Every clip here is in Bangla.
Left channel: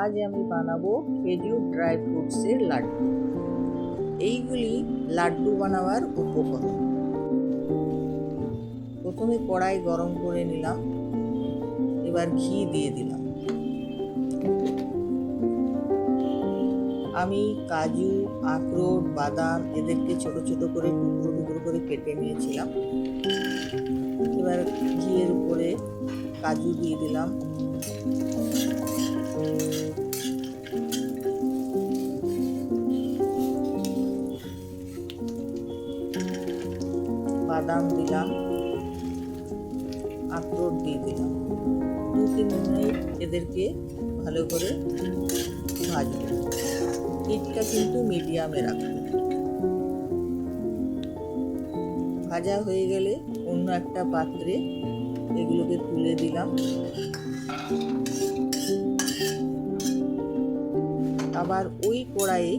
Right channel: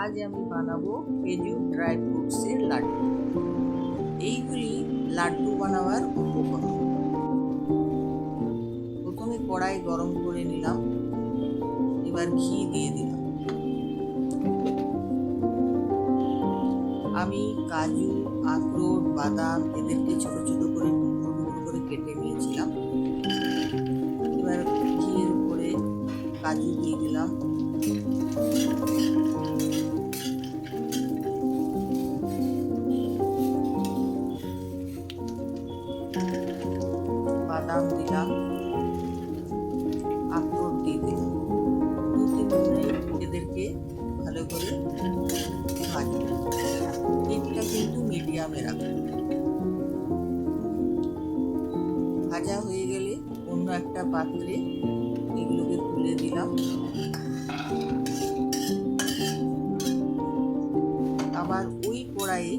আজ আমি বানাবো খেজুর ড্রাই ফ্রুটসের লাড্ডু। এইগুলি লাড্ডু বানাবার উপকরণ। প্রথমে কড়াই গরম করে নিলাম, এবার ঘি দিয়ে দিলাম। আমি কাজু, আখরোট, বাদাম এদেরকে ছোট ছোট করে টুকরো টুকরো করে কেটে নিয়েছিলাম। এবার ঘিয়ের উপরে কাজু দিয়ে দিলাম, বাদাম দিলাম, আখরোট দিয়ে দিলাম। 2-3 মিনিট এদেরকে ভালো করে ভাজবো। হিটটা কিন্তু মিডিয়ামে রাখবো। ভাজা হয়ে গেলে অন্য একটা পাত্রে এগুলোকে তুলে দিলাম। আবার ওই কড়াইয়ে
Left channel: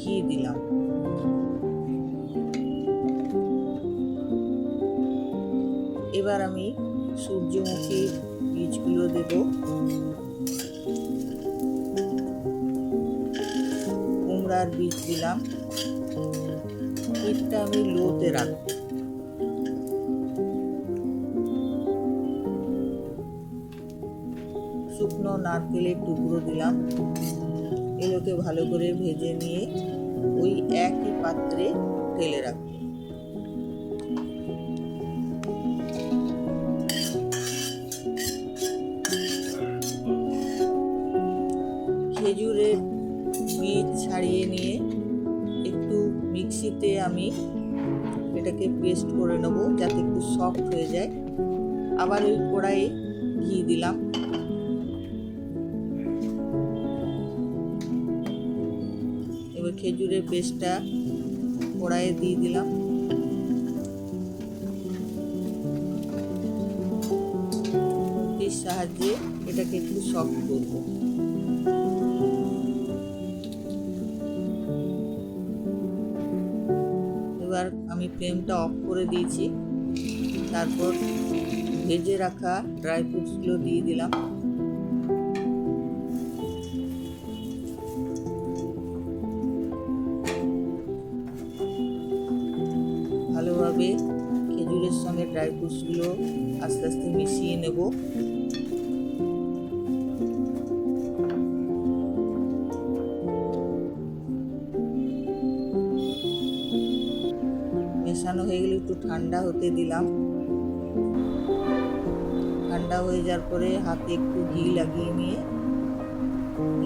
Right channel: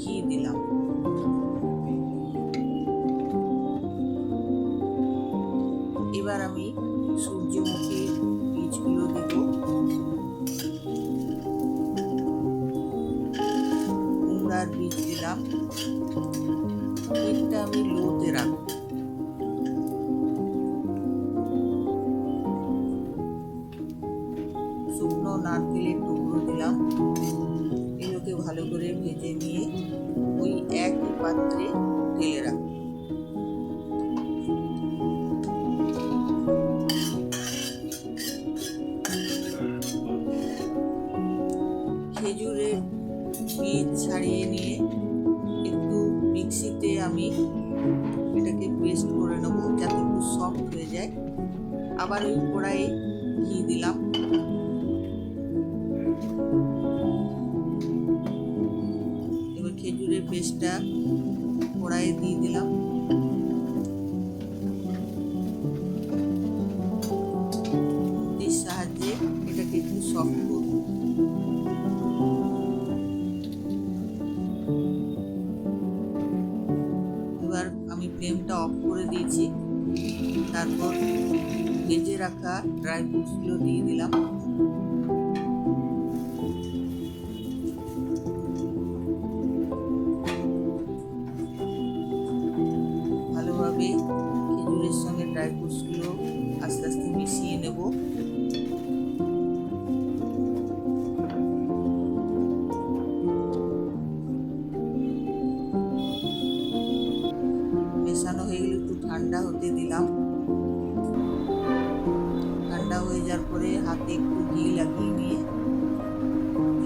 ঘি দিলাম। এবার আমি সূর্যমুখীর বীজগুলো দেব, কুমড়ার বীজ দিলাম। হিটটা আমি লোতে রাখবো। শুকনো নারকেলের টুকরো দিলাম। এগুলোকে ভালো করে ভেজে নিয়ে ওই একই পাত্রে ঢেলে রাখবো। খেজুরের বীজ ছাড়িয়ে নিয়ে একটু মিক্সিতে আমি এটাকে পেস্ট করে নেব, যাতে একটু সফট হয়ে যায়। আবার ওই কড়াইয়ে ঘি দিলাম। এবার খেজুরের পেস্টটা কড়াইয়ে দিয়ে দিলাম। খুন্তির সাহায্যে এটাকে একটু সফট করব। এবার আমি ফ্লেমটা অফ করে দিয়েছি। তারপর ভেজে রাখা ড্রাই ফ্রুটসগুলো দিয়ে দিলাম। ভালোভাবে খেজুরের সঙ্গে ড্রাই ফ্রুটসগুলো আস্তে আস্তে মিশিয়ে নেব। মেশানো হয়ে গেলে একটু ঠান্ডা হতে দিলাম। ঠান্ডা হয়ে যাওয়ার পরে হাতে একটু ঘি লাগিয়ে নিয়ে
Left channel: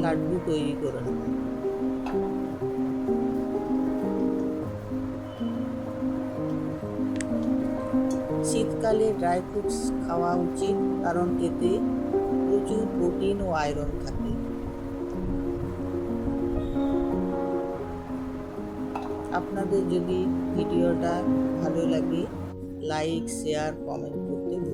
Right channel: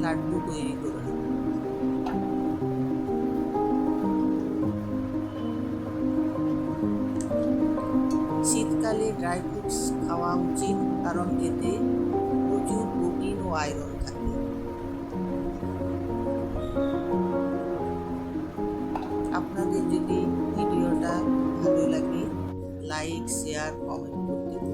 লাড্ডু তৈরি করে নেব। শীতকালে ড্রাই ফ্রুটস খাওয়া উচিত, কারণ এতে প্রচুর প্রোটিন ও আয়রন থাকে। আপনাদের যদি ভিডিওটা ভালো লাগে, লাইক, শেয়ার, কমেন্ট করতে ভুলবেন না।